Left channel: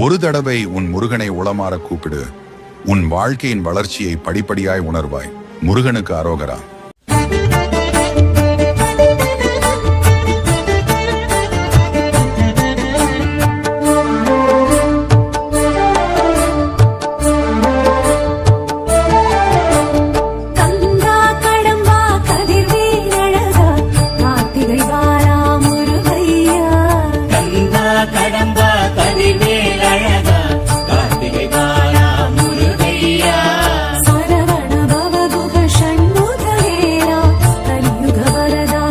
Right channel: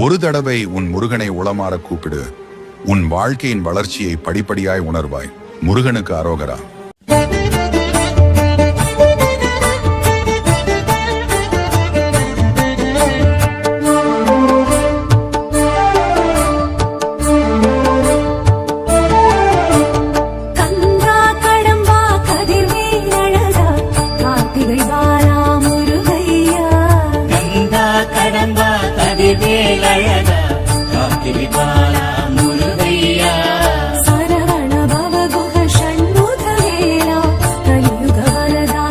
ஒரு தடவை உன் முருகனை உளமாற கூப்பிடு. உன் வாழ்க்கையின் வளர்ச்சியை படிப்படியாய் உணர்வாய். முருகனுக்கு அரோகரா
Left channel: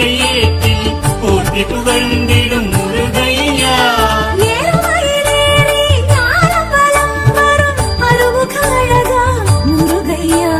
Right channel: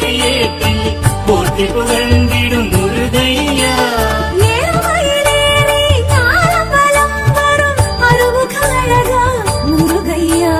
கொடியேற்றி போற்றி புகழ்ந்திடும் முருகையா. முருகையா.